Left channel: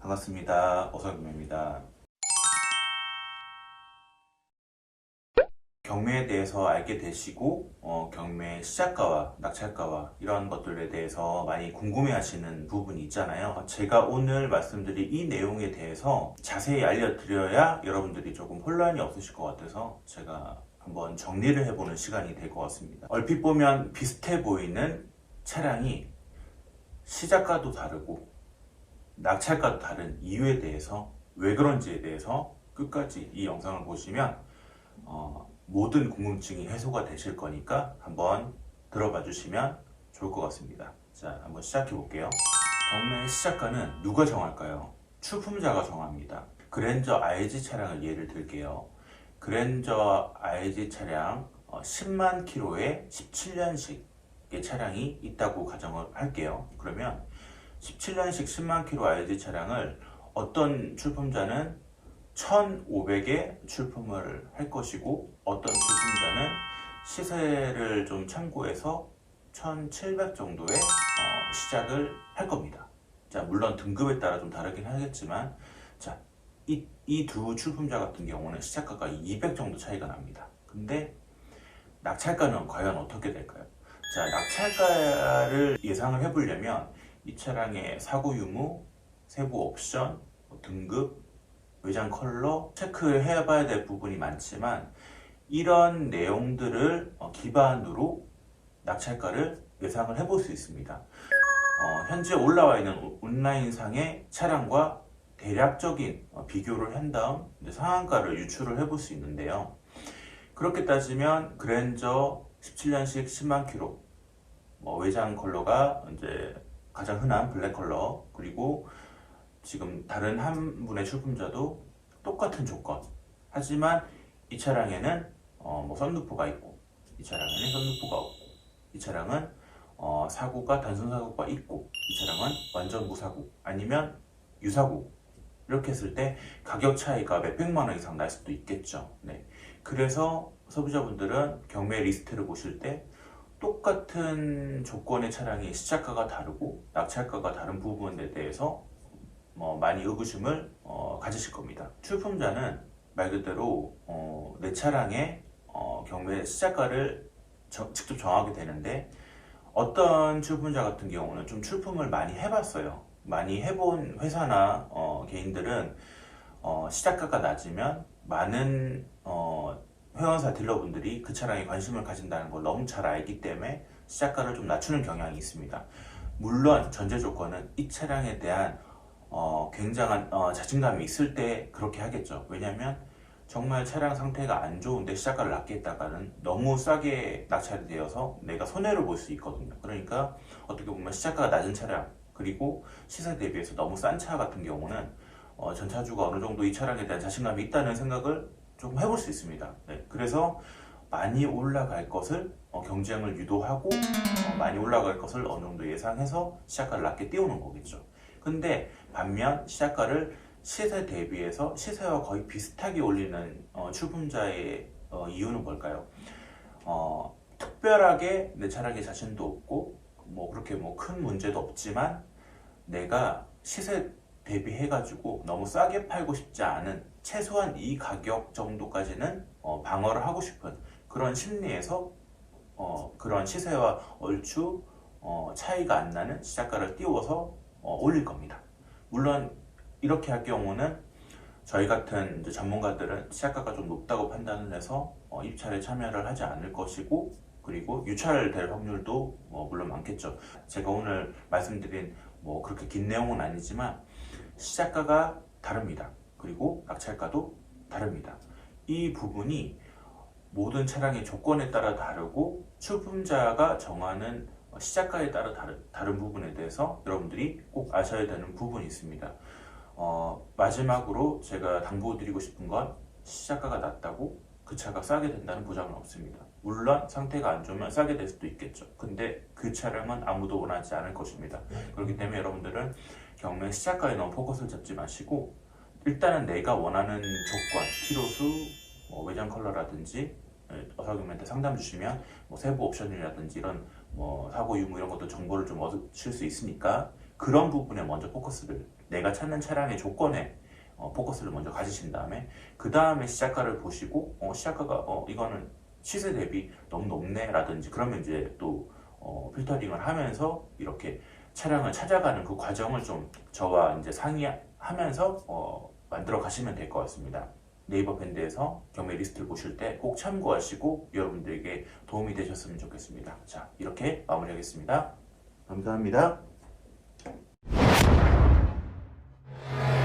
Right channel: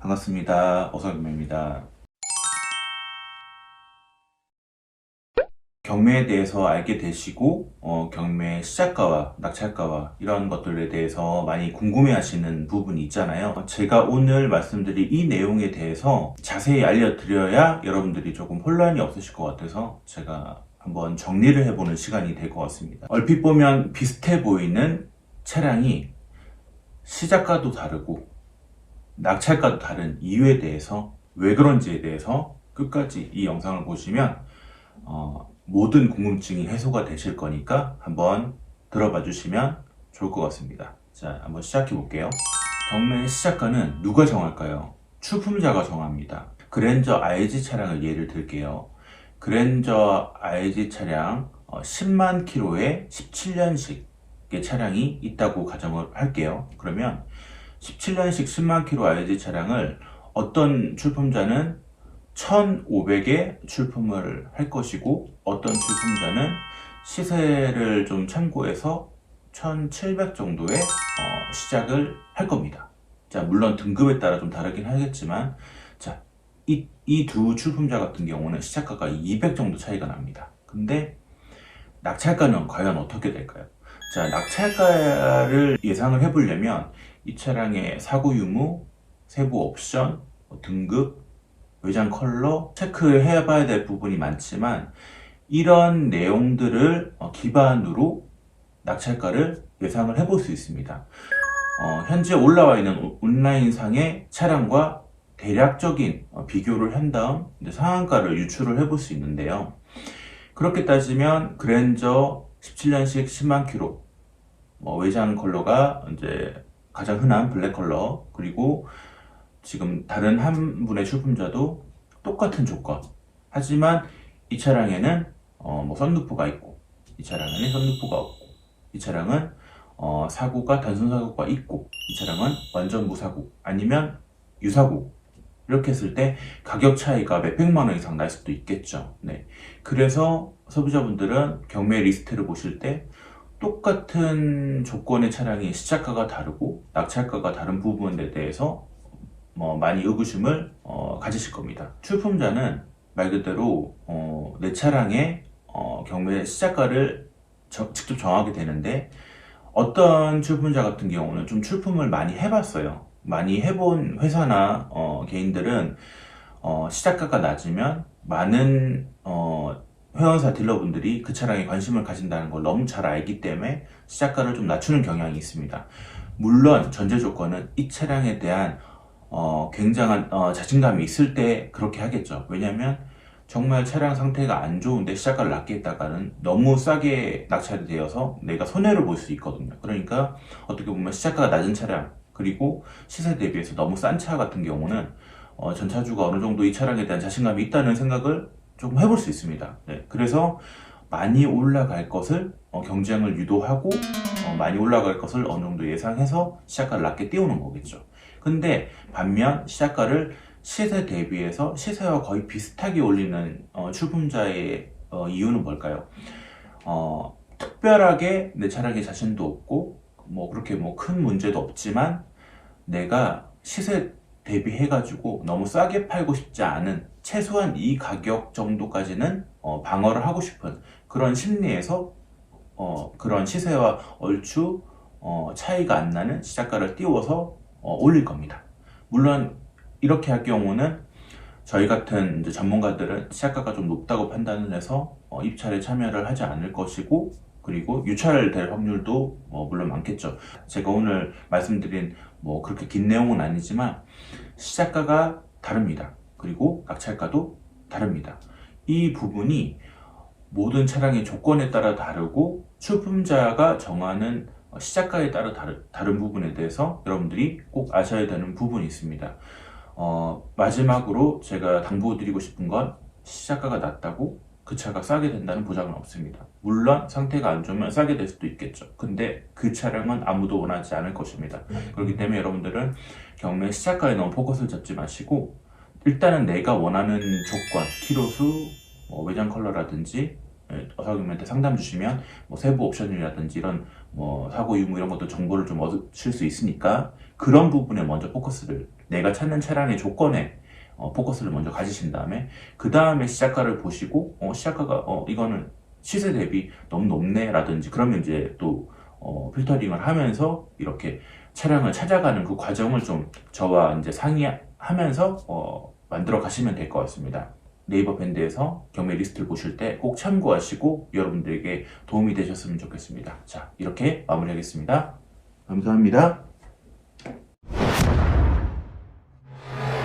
반갑습니다. 어성금입니다. 경매에 대해서 알게 되시고 어, 경매 시작가와 낙찰가와 이런 것들에 대해서 많이 궁금해 하시는 부분이 있잖아요. 제가 오늘 말씀드릴 이 내용에 대해서 자세히 알려드려야 여러분들이 조금 혼란이 없으실 것 같아서 제가 한번 정리를 해보는 시간이 될 것 같습니다. 얼핏 보면 비슷해 보이는 차량이 시작가도 다르고 낙찰가도 다른 이유에 대해서 왜 그런지에 대해서 끝까지 이 영상을 보시면 어, 모든 궁금증이 해소가 되실 거니까 한번 들어봐 주시면 좋을 것 같습니다. 자, 한번 시작해 볼게요. 경매 시작가는 누가 정할까요? 출품자가 정합니다. 그랜저 IG 차량을 예를 들게요. 그랜저 IG 차량 어, 10만 킬로에 17년식의 차량이 있다고 가정을 할게요. 그러면 17년식 10만 킬로 IG 차량을 어떤 출품자는 1,500에 출품을 할 것이고 어떤 출품자는 시세를 좀 참고해서 1,700 정도에 어, 시작을 할 겁니다. 자, 물론 등급에 따라 좀 다르긴 하겠지만 자, 이이두 출품자 같은 경우는 시작가가 200 정도 차이가 납니다. 근데 낙찰가는 과연 어떻게 될까요? 자, 낙찰가를 예상을 해보려면 이 차량의 사고 유무, 세부 옵션, 뭐 등급, 외장 컬러 체크해 봐야 될 부분이 많지만 이런 내용들을 어, 기반으로 낙찰가를 예상을 해볼 수 있습니다. 어, 현재 올라와 있는 오- 온라인상의 차량과 대략적인 어, 비교를 한 다음 상한가를 유출을 해볼 수 있는데요. 그렇게 따지면 그랜저 17년식 10만 킬로 뭐 외장 컬러가 이제 가장 흔한 블랙 컬러 그리고 지금 다른 한 분의 출품자도 똑같은 조건 하지만 이 차량에는 어, 뭐 썬루프가 있고 이 차량에는 썬루프가 없고 이 차량은 어, 사고가 단순 사고가 있고 이 차량은 완전 무사고 아니면 유사고 이렇게 했을 때 가격 차이가 몇백만 원 이상 날 수도 있겠죠. 네. 그래서 소비자분들은 경매 리스트를 보실 때 똑같은 조건의 차량이 시작가가 다르고 낙찰가가 다른 부분에 대해서 뭐 많이 의구심을 어, 가지실 겁니다. 출품자는 말 그대로 어, 내 차량의 어, 경매 시작가를 저- 직접 정하게 되는데 어떤 출품자 같은 경우는 좀 출품을 많이 해봤어요. 많이 해본 회사나 어, 개인들은 어, 시작가가 낮으면 많은 어, 회원사 딜러분들이 그 차량에 관심을 가진다는 걸 너무 잘 알기 때문에 시작가를 좀 낮추는 경향이 있습니다. 물론 전제 조건은 이 차량에 대한 어, 굉장한 어, 자신감이 있을 때 그렇게 하겠죠. 왜냐하면 정말 차량 상태가 안 좋은데 시작가를 낮게 했다가는 너무 싸게 낙찰이 되어서 내가 손해를 볼 수 있거든요. 그러니까 어떻게 보면 시작가가 낮은 차량 그리고 시세 대비해서 너무 싼 차 같은 경우는 어, 전차주가 어느 정도 이 차량에 대한 자신감이 있다는 생각을 좀 해볼 수 있습니다. 네, 그래서 많이 올라갈 것을 어, 경쟁을 유도하고 어, 많이 올라갈 것을 어느 정도 예상해서 시작가를 낮게 띄우는 거겠죠. 근데 반면 시작가를 시세 대비해서 시세와 거의 비슷하게 올리는 어, 출품자의 어, 이유는 뭘까요? 어, 특별하게 내 차량에 자신도 없고 뭐 그렇게 뭐 큰 문제도 없지만 내가 시세 대비해가지고 너무 싸게 팔고 싶지 않은 최소한 이 가격 정도까지는 어, 방어를 하고 싶은 그런 심리에서 어, 그런 시세와 얼추 어, 차이가 안 나는 시작가를 띄워서 어, 올릴 겁니다. 물론 이렇게 할 경우는 저희 같은 전문가들은 시작가가 좀 높다고 판단을 해서 어, 입찰에 참여를 하지 않을 것이고 그리고 유찰 될 확률도 어, 물론 많겠죠. 제가 오늘 말씀드린 뭐 그렇게 긴 내용은 아니지만 시작가가 다릅니다. 그리고 낙찰가도 다릅니다. 이 부분이 모든 차량의 조건에 따라 다르고 출품자가 정하는 시작가에 따라 다르, 다른 부분에 대해서 여러분들이 꼭 아셔야 되는 부분이 있습니다. 어, 마지막으로 제가 당부드리고 싶은 건 시작가가 낮다고 그 차가 싸게 된다는 보장은 없습니다. 물론 상태가 안 좋으면 싸게 될 수도 있겠죠. 근데 그 차량은 아무도 원하지 않을 것입니다. 그렇기 때문에 여러분들은 경매 시작가에 너무 포커스를 잡지 마시고 일단은 내가 원하는 조건, 키로수, 뭐 외장 컬러라든지 예, 어사님한테 상담 주시면 뭐 세부 옵션이라든지 이런 뭐 사고 유무 이런 것도 정보를 좀 얻으실 수 있으니까 그런 부분에 먼저 포커스를 내가 찾는 차량의 조건에 어, 포커스를 먼저 가지신 다음에 그 다음에 시작가를 보시고 어, 시작가가 어, 이거는 시세 대비 너무 높네 라든지 그러면 이제 또 어, 필터링을 하면서 이렇게 차량을 찾아가는 그 과정을 좀 저와 이제 상의하면서 어, 만들어 가시면 될 것 같습니다. 네이버 밴드에서 경매 리스트를 보실 때 꼭 참고하시고 여러분들에게 도움이 되셨으면 좋겠습니다. 자, 이렇게 마무리하겠습니다. 감사합니다.